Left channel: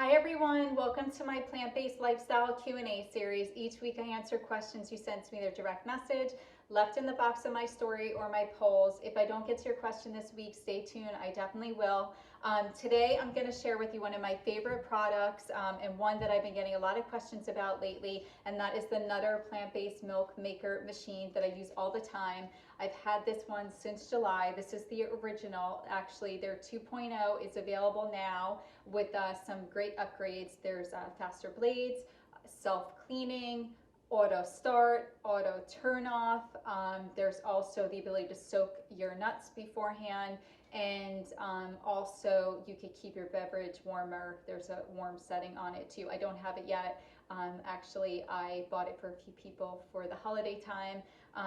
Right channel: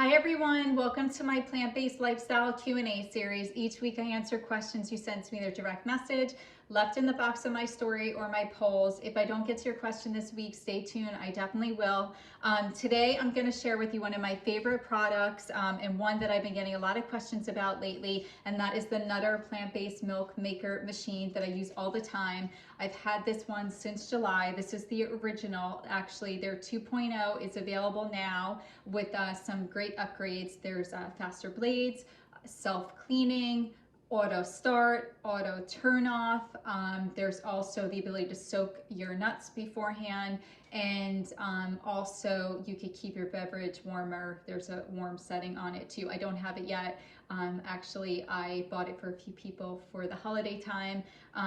Hi everyone, welcome to my plant-based lifestyle Q&A series. Each week I answer questions you send to me their direct message, left in the box of my story or my polls. If I don't get to your question this week, stay tuned, I definitely will. Today I'm going to share with you one of my favorite products and one that I've been getting a lot of questions about lately, and that is the Nutr plant-based milk maker machine that I use all the time. I've had this one since July. This is the original. Actually, their 2.0 is available now with some great upgrades. There's faster blades, self-cleaning, auto start, auto turn off. There's also the ability to soak your nuts beforehand, and also you could keep your beverage warmer. There's a warm setting on it too. I don't have it yet. Actually, I bought it for a few people for the holiday time.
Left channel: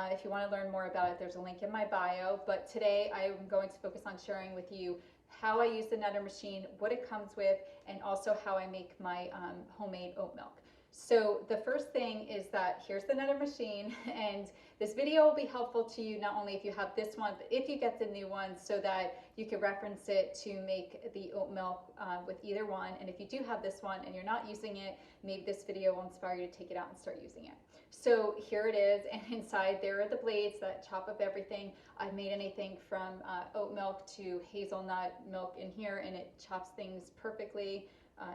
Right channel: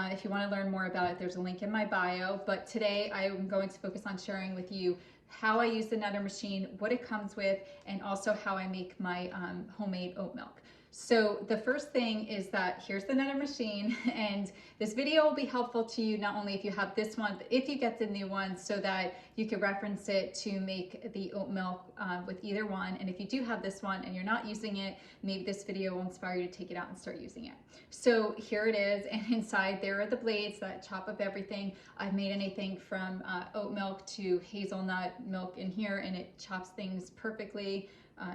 If you want to learn more about it, there's a link in my bio. But today I'm going to focus on sharing with you how I use the Nutr machine, what it comes with, and also how I make my homemade oat milk. So the first thing is that here's the Nutr machine, and this video will be helpful to you not only if you have this one, but if you get the new one, so that you can reference it to make the oat milk with either one. And if you do have this one and you're not using it, maybe this video will inspire you to take it out and start using it. So here it is, and inside there are the blades that chop up everything. I've made anything from oat milk to hazelnut milk in here, and it chops things perfectly.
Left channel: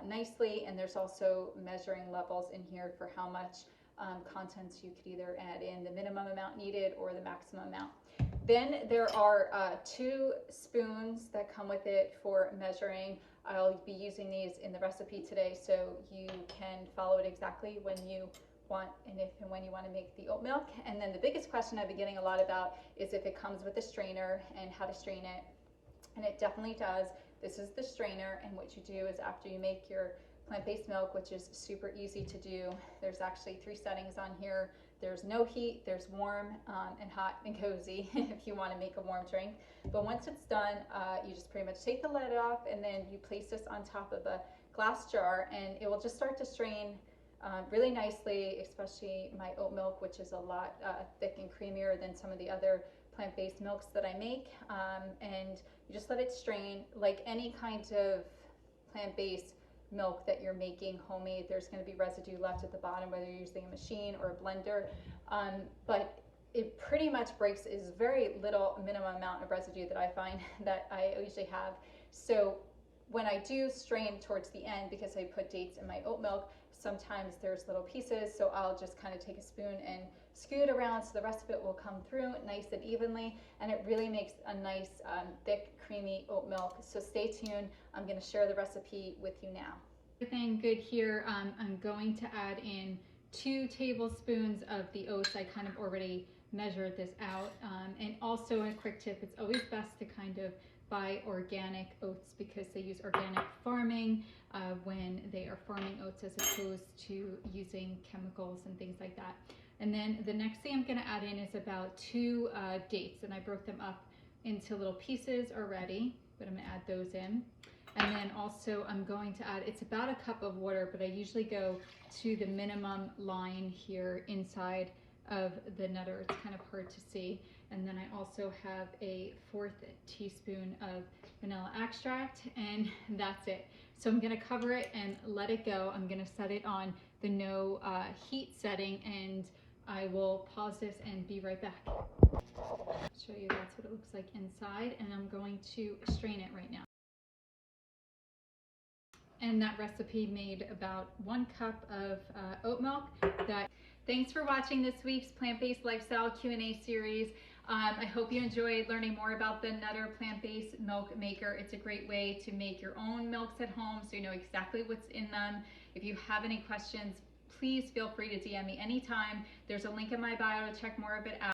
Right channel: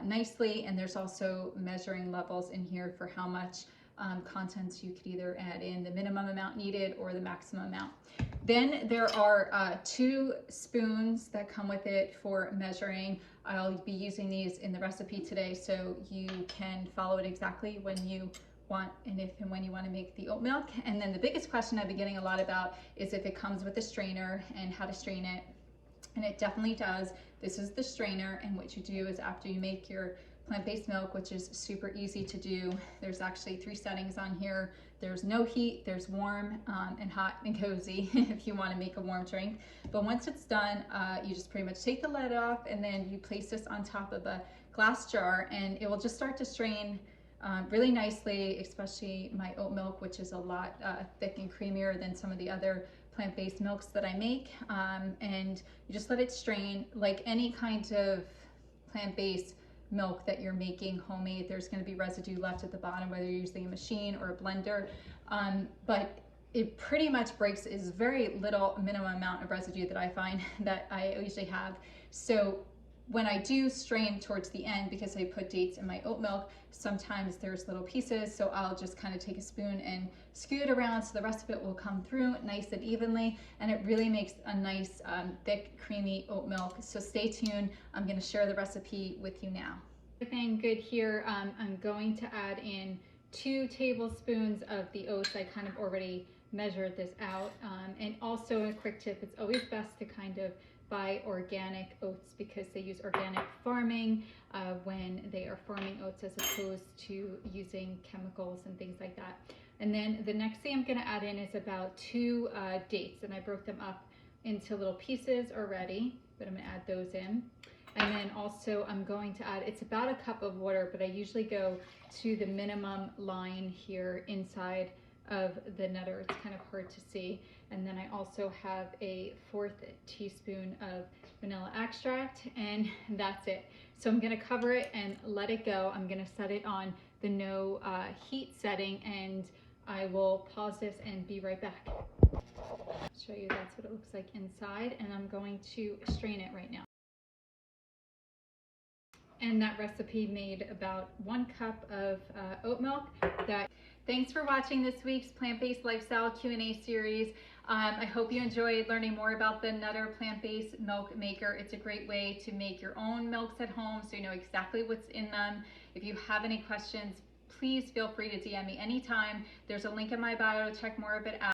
Nicely, and there's also measuring levels in here for how much contents you could either add in the minimum amount needed or the maximum amount. Then there are 2 spoons that come with it for measuring. I'll be using these in the recipe today, so you can follow it exactly when you want and if and when you want to make the oat milk. And then the biggest question I've been getting a lot about is if it comes with a strainer and how to strain it. And it definitely does. This is the strainer, and what you do is after you make your plant-based milk, which is super easy to do, there's actually 3 settings on here. There's no heat, there's warm and hot and cozy if you want to make a warm drink. But once it's done, you just pretty much take the lid off, and then you place this on top of a glass jar, and it will just start to strain really nicely, especially my oat milk, which is a lot thick and creamier than some of the other plant-based milks that I make, and you just let it strain like any kind of plant-based milk that you're making homemade. There's going to be residue left at the bottom, whether you're using a machine or a blender, but it pretty much breaks is very little minimum amount of residue that I find that I usually have. So when I do strain towards the end, because I put dates in my oat milk, sometimes there's little pieces, so I'll just kind of take a spoon and scoot it around so the rest of it will come through nice and evenly, and it really makes a nice thick creamy oat milk. So stay tuned, I'm going to share the recipe with you now. Everything good here. I'm going to add in 2 tablespoons of the oats. I kind of already measured this out, and also a quick tip, it's always best to kind of buy organic oats because they use organic farming when they are farming oats, as opposed to using chemicals and things like that. And then the next thing I'm going to add in is about 2 dates, and I broke them up into little pieces already, but I'm going to add those in. And then also I'm going to add, it's about a cup of water, but I usually go to the minimum line here inside of the Nutr. It's kind of hard to see. And then I also have a 4th teaspoon of vanilla extract, and that's it. So I'm going to cover it and let it go. I'm going to set it on the no heat setting, and I will pause this and be right back. Show you that's what it looks like inside, and I'm going to strain it right now. And that recipe made about 1 cup of oat milk. Thanks for watching this week's plant-based lifestyle Q&A series. I hope you enjoyed learning more about the Nutr plant-based milk maker. It's a great way to make your own milks at home, so you know exactly what's in them. If you have any questions, please feel free to DM me anytime. There's a link in my bio to check more of it out.